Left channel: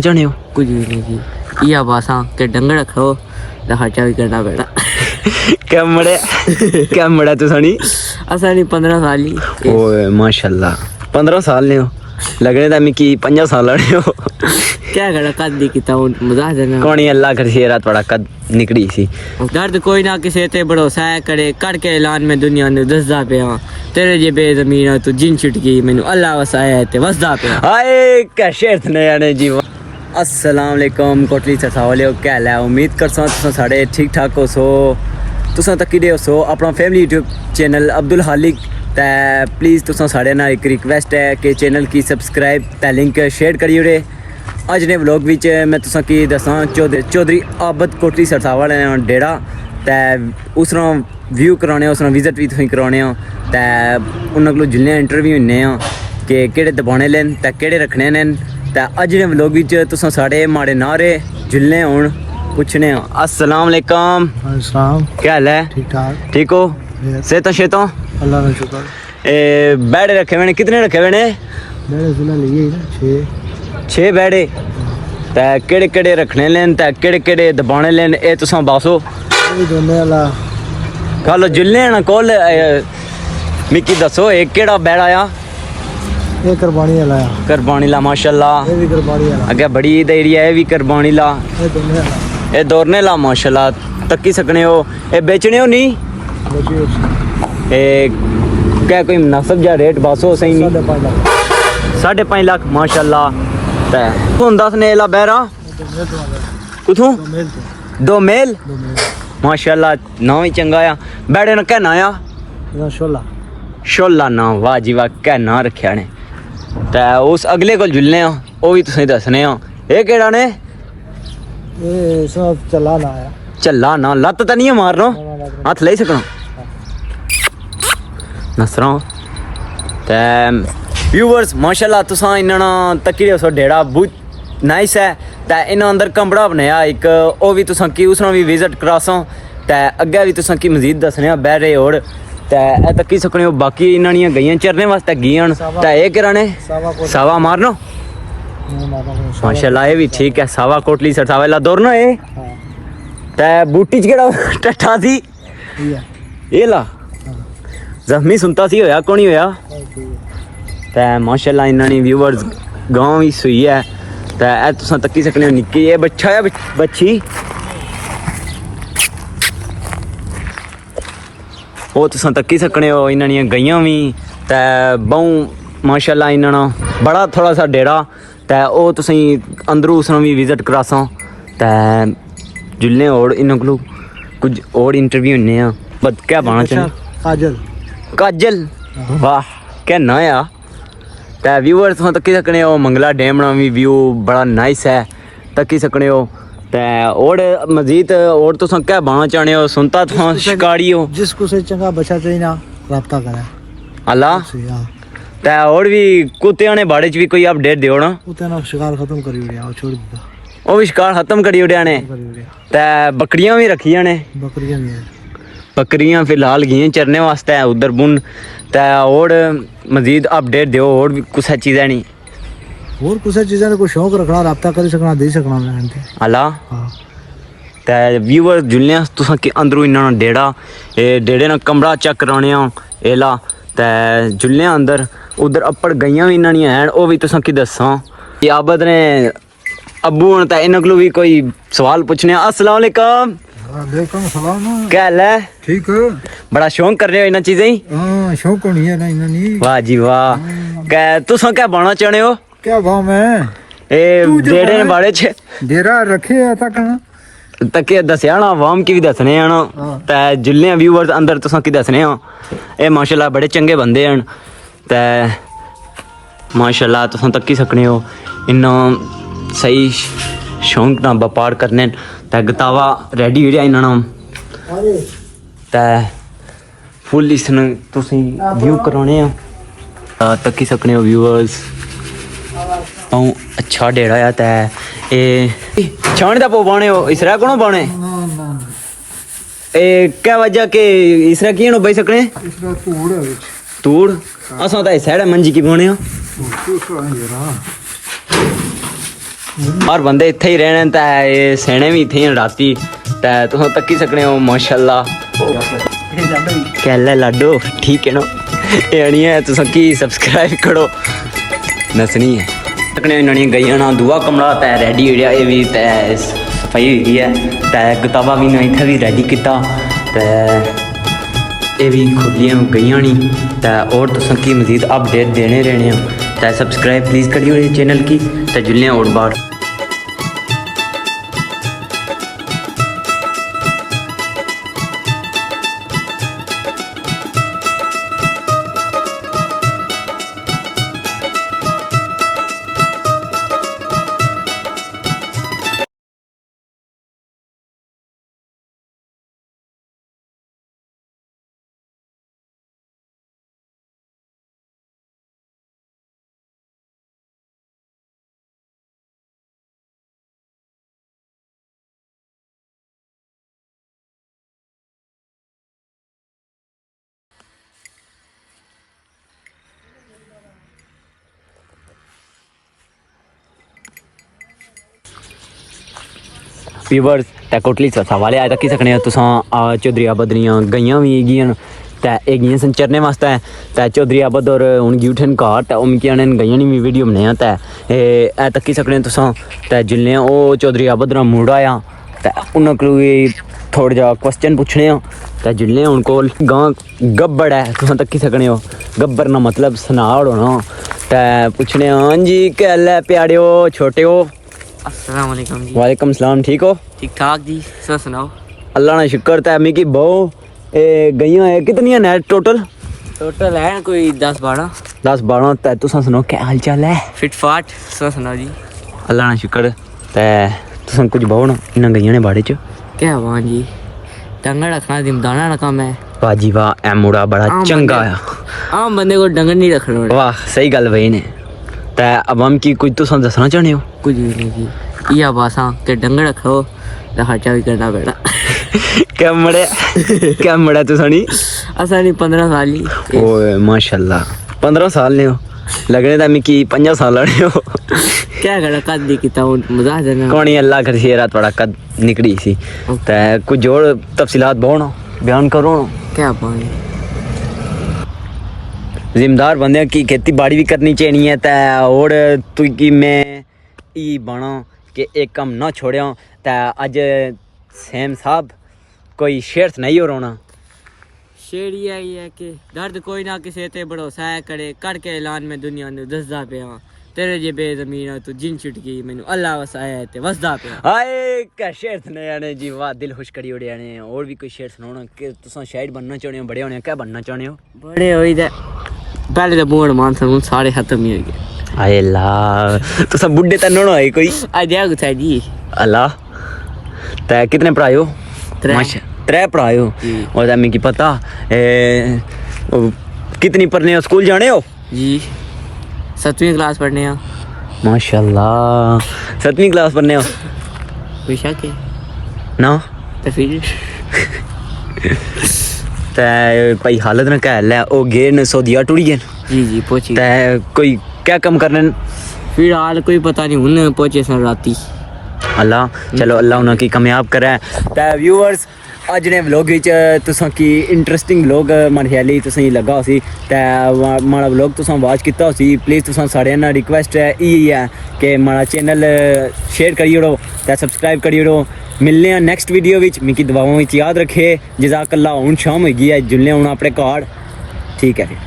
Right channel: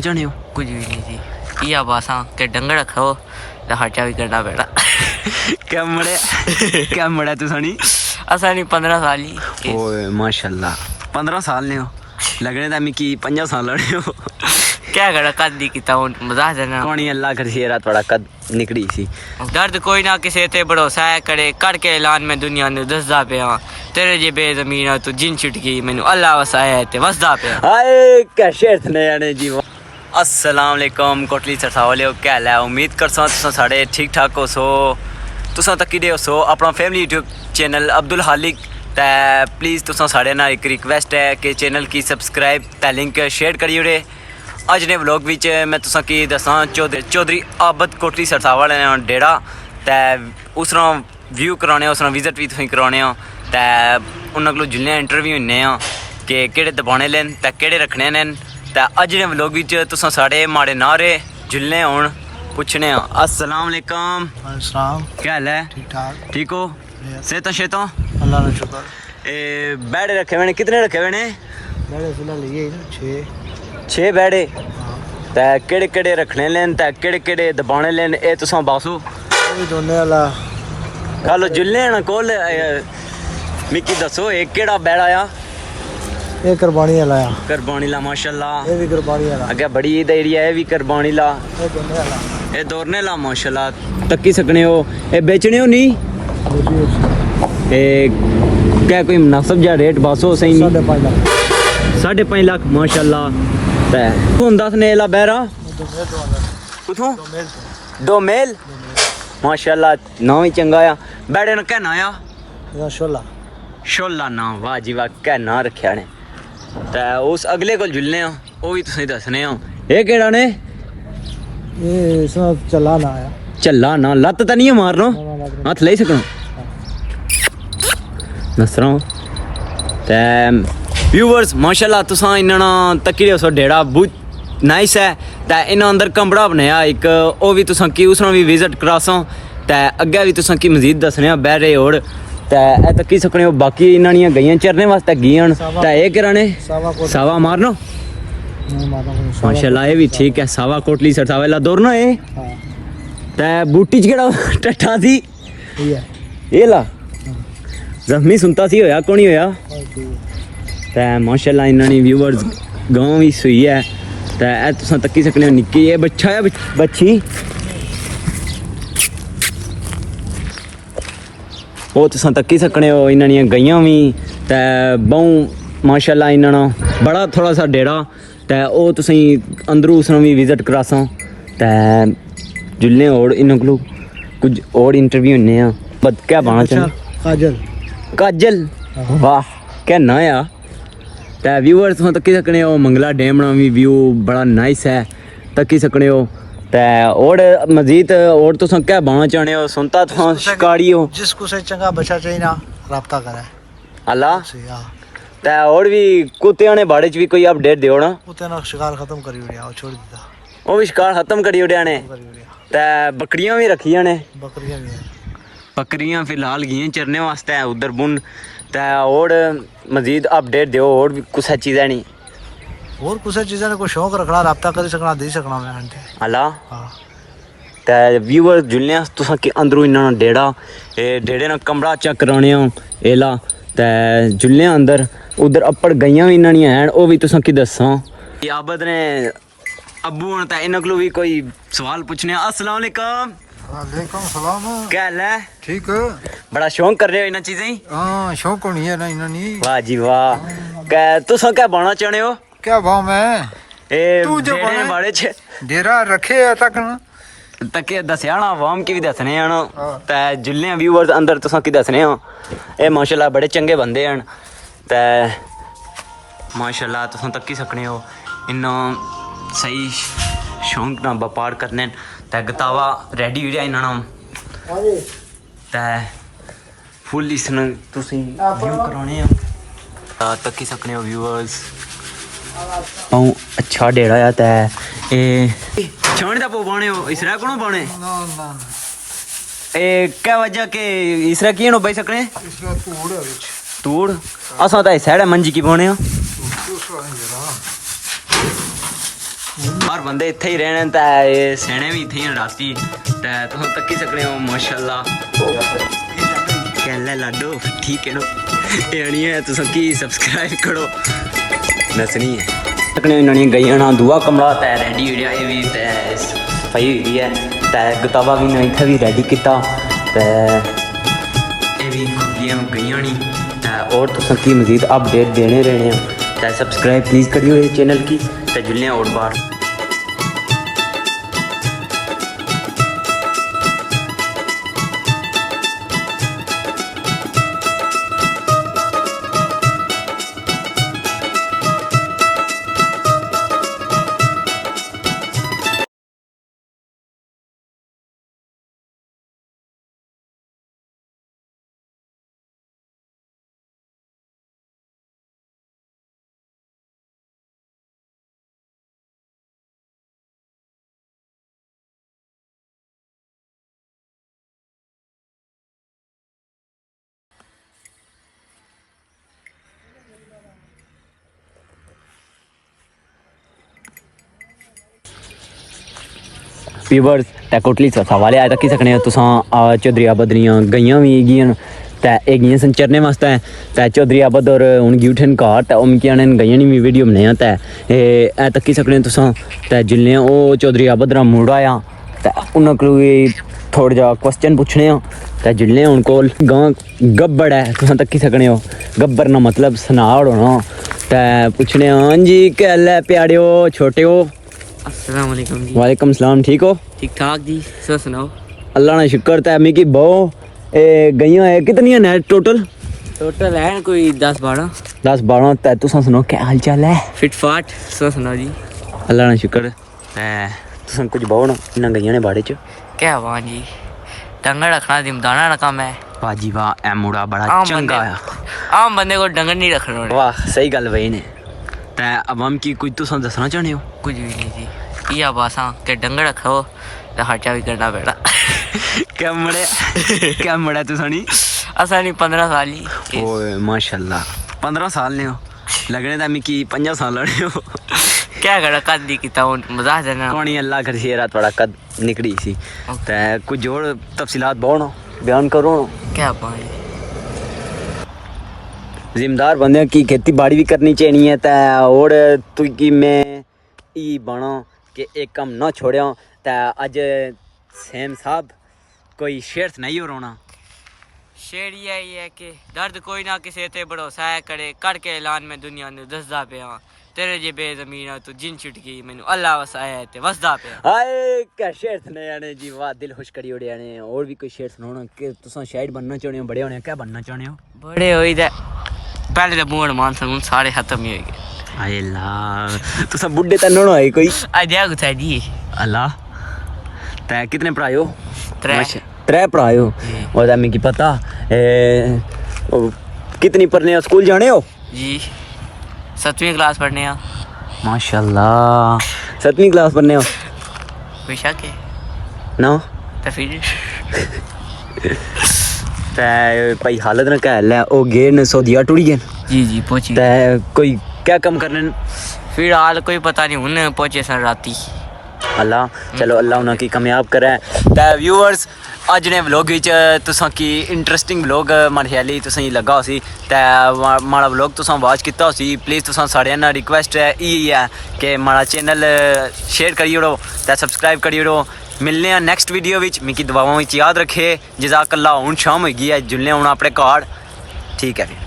चाहने हो? कुछ भी नहीं जी, या बासा के डंगर रखो तो खर्चा भी करना पड़ा। क्या मड़ा तू सनी असा नहीं 15 साल ही। ओए माशाल्लाह 15 साल ने हो लगने था मिकी 50 साल ने हो। क्या करा कद दी किता हूं मजाक देना कोनी अल्लाह कर सी रात बड़ा कद निकली सी। दर्द कोई ना किसी ते भरोसा है करे करके ऐलान में दुनिया ने दसदा पे तेरे जे बेजमीन तू जिन छुटकी मैनू अल्लाह वसाया ते वसदा पे। हाय क्या शेर ने यानी जी। अस्सलाम वालेकुम कोटली सरसावले क्या हाल है? उम्मीद करसा तुसा सारे ठीक ठाक हो सो तुसा तक्की दे सो अपना फैमिली यूट्यूब चैनल अब्दुल हालिक ते प्लीज़ तुसा सारे ना एक रिक्वेस्ट है कि चैनल की सब्सक्राइब ते लिंक शेयर करी ओड़े। अज ने व्लॉग विच मैं तुसा की दसां चौधरी आबद कोटली सरसावल डेरा ते उसना व्यू कराने उसना विजिट भी तुसें कराने ते उन्हां कोलों जुल्ले इंटरव्यू होने कि केड़े दबाने लेन ते केड़े रखने ने ते अज ने व्लॉग विच तुसा सारे माड़े नारे जुल्ले होण पूछने। अस्सलाम वालेकुम। क्या हाल है? ठीक ठाक। ठीक हो? सेहत शेता अल्लाह का शुक्र। ए बैठे रखे मैंने कितने रखे मैंने? बैठे फिलहाल ये 6 बैठे ते केड़े केड़े रखने लेन ते केड़े केड़े दबाने लेन ए तुसा बासो भी दोने वाला गल जुल्ले ना कोल मिकी दसो एक केड़ा बैठ आया? ये कुर्बानी वाला है। कुर्बानी ला माशाल्लाह। ये भी कुर्बानी वाला अगे बड़ी देरी है। ये भी कुर्बानी ला ये दोने वाला ये दौड़ने ला माशाल्लाह तक्की सकने हो। ए बेचने हो नहीं ए क्या कोई मुनासिब जा रेट बासो सही नहीं? 5.5 लाख माशाल्लाह। कौन दस ने ला बहरा कुथों 2 मेल माशाल्लाह ना ही चंगा आ बैठे ना कहना आया शोला ना वाह जी वाह क्या ना रखा ने ते उस अगले को जुलने वो भी तुसें दसने ये केड़ा ने ये सब चला ना आया चला ना लत तो नहीं मारना हाथ ले सकना नसरा ते व्यूवर्स माशाल्लाह तुसा इन्ना तक्की सो डेढ़ा बहुत नाइस है ते इन्ना अंदर कमरा बनाया एक वो भी तुसा की उसना भी विजिट करासो ते अग्गे भी तुसा की मजीद दसने बहरे और ते तक्की सकने हो। बाकी इन्हां गईयां चरने वास्ते गईयां ते ये कराने सावा मारनो माशाल्लाह ये भी ठीक है। सावा कोटली सरसावा दौड़ना है ते बूटी च केड़ा टट्ठा सी ये ला जख्मी सुनता सी होया कोनी होया ते माशाल्लाह इन्हां व्यूवर्स गांव भी सुई है ते तुसां तक्की सकने हो निक्की ये बच्चा है बच्ची वो तुसां तक्की सकने हो। इन्हां गईयां भी ते बहु माशाल्लाह इन्हां बड़ा थोड़ा सा डेरा ते वो तुसीं अंदरों उसनों भी विजिट करासां ते जुल्ले और इन्हां कोलों कुछ और इंटरव्यू होने बट क्या बना काजल काजल वाह क्या नया ते व्यूअर्स तुम तक्की सकने हो। मंगला डैम ना भी व्यू बड़ा नाइस है तक्की सकने हो ते और मजीद और तुम क्या बना चाहने हो? सुनता तुम शिकारी हो जिसको से चंगा बच्चा चाहिए ना रब्ता करे अल्लाह ते और भी कुत्ते ने बाड़े च भी कोई अपडेट दियो ना? कुत्ते ना शिकार खत्म करी उड़िया छोड़ दिया वो भी शिकार खत्म करी उड़िया ने ते बकरियां भी रखियां ने बकरियां फिलहाल गई चरने वास्ते उधर बुन ते और मजीद अपडेट दियो और भी कुछ चीज़ें नहीं और कुछ चीज़ें ने कोई शौक रखना रब्ता कर सकना दे सकना मैं अल्लाह हां ते व्यूअर जुलने तुसा के अंदरों इन्ना डेढ़ा डेढ़े ना कमरा चेक कराने एला ते जुलने अंदर उधर अप्पड़ गईयां भी इन्ना नहीं हैं वो भी तुसा की दसां कि आबद ने अब्बू हन ते इन्हां कोलों भी कोई सवाल पूछने। अस्सलाम वालेकुम। वालेकुम सलाम। क्या हाल है? ठीक हो? बड़ा शौक कर रहे हो इन चीजें ही? हां शौक होनी है ना इन्ना नहीं। वाह जी वाह क्या तुसा क्या बनना चाहते हो? क्या भाव में ए डेरे बाड़े च डेरा रखे तक तके दसया ना आवाम की भी दसने हैं ना ते जुल्ले व्यूअर्स अंदर तुसा की दसने हो ए माशाल्लाह बड़े चंगे बंदे हैं ते माशाल्लाह तुसा तक्की सकने हो इन्ना सही शौक ना व्यापार करने ते गतावा रेडी हो जाए इन्ना ते फुल इसने तुसी व्यू कराने तक्की सकने हो व्यूअर्स अच्छा डेढ़ा आ ते ए छाने दा पो बाने हो इसरा कोनो बाने ए क्या वजह के इसरा की नो भाई सकने इसरा तूड़ है विच तूड़ असा ता साइड मंजी की बाने और बंदे इत्थे ही रहने ते ये सेने भी इत्थे ही राती ते तुस तक्की सकने हो माशाल्लाह कहले लाडो ठीक है ना ये नहीं है तुस की सब्सक्राइब करो नसनी है सकने इन्होंने गई ना दुआ कमरा ते रेडी हो गया ये भी ते पई हुई है ते किताबा भी इत्थे भी रेडी किता ये भी खुलियां गई नहीं तो और तुम की मजीद अपडेट देने रहने तो सब्सक्राइब प्लीज़ करियो इस चैनल की तो जुलने और बार व्यूअर्स ते कोटली सवाले आए रखी सकने तुसां चौधरी आबद दियां गईयां भी हैगियां ते एह् गेइयां सन चरने वास्ते ते चौधरी आबद और हुन गी उठन घर ते ओह् मिगी आने गईयां नी वीडियो बनाया ते एह् तक्की सकने तुसां ते जिल्ले ओह् चौधरी आबद दा मुड़ा आया ते उन्हां कोई थोड़ा जा क्वेश्चन पुछने ते जिल्ले हुन कोल गां गब्बड़ है तुसां तक्की सकने हो गब्बर ना मतलब सनाड़ होना ते पुछने हां जी कहल है प्याड़ियो छोटियो अस्सलाम वालेकुम जी। वालेकुम सलाम ठीक हो ठीक ठाक जी सर सुनाओ अल्लाह ना शुक्र ते मिगी बहु गईयां है कितनी है टोटल टोटल है कोई 10-12 ते तुसां सुनाओ क्या हाल चाल है फिट फाट सर सुनाओ जी। अल्लाह ना शुक्र ते तुसां कुछ बहु ना इन्हां गईयां ने बाड़े च क्या वाह जी डंगर रखना जिमदाना ना काम है बाजी वाह ए मुड़ा बड़ा चंगा है आम बंदे को डंगर नहीं रखना वाह सही गल वही ने ते अब हम की कुछ तुसां दसना चाहने हो कुछ भी नहीं जी इया बासा के डंगर रखो तो खर्चा भी करना पड़ा क्या मड़ा तुसां नी असा नहीं 15 साल ही ओए माशाल्लाह 15 साल ने हो लगने ता मिकी 50 साल ने हो क्या करा कद दी किता मजाक देना कौन अल्लाह कर सी रात बड़ा कद निकली सी ते कुछ और तफसीलात बहु बयान करो क्या पानी जिम्मेदार बंदे की खेती बाड़ी भी करनी चाहिए है ते और तुकी मैं ई बना कि एक कम ना छोड़िया ते अज सैम साहब कोई शेर नहीं हो रोना शेर ये है कि दर्द कोई ना किसी ते भरोसा है करे कर के ऐलान में दुनिया ने दसदा पिया तेरे जे बेज़मीन तू जिन छुटकी मैनू अल्लाह वसाया ते वसदा पिया हाय क्या शेर सुनाया जी वाह दिल खुश करी ओड़िया ने और भी कोई शेर सुनाना कि तुसा शायद बनना चाहते हो बड़े होने क्या बनना चाहते हो बड़े होई दा पहले तो बोल मान सन सारे खत्म ही हो गए हाय अल्लाह तुसा बुड्ढे तन होना है कोई आ जा गुथा जी अल्लाह ते कितने भरा हो त्रै भरा हो और ता मिगी पता कितनी पढ़ने हो स्कूल जाने हो जी 7वीं क्लास पढ़ने आ माशाल्लाह 7वीं क्लास पढ़ने हो कोई शक है ना तो फिर ते भाई हालत ना कहल है ओ गए न सऊदीया टुरी गए जी जी पहुंची ते कोई क्या कम करने फिलहाल कोई पता नहीं हुन पहुंचे सन राती अल्लाह चलो अल्लाह उन्हें की कामयाब करे ते व्यूअर्स अज ने व्लॉग विच तुसां की इंटरेस्टिंग व्लॉग मन ख्याली तुसें लगा होसी ते माड़ा व्लॉग तुसां वाच किता होसी प्लीज़ तुसां साढ़े ना रिक्वेस्ट है यही है कि माड़ा चैनल शेयर करी ओड़ो ते सब्सक्राइब करी ओड़ो मिलने हैं नेक्स्ट वीडियो विच मिकी दुआवां विच याद रखे जज़ाकल्लाह हुन शाम होई गई है जुलने हूँ अपने घर ठीक है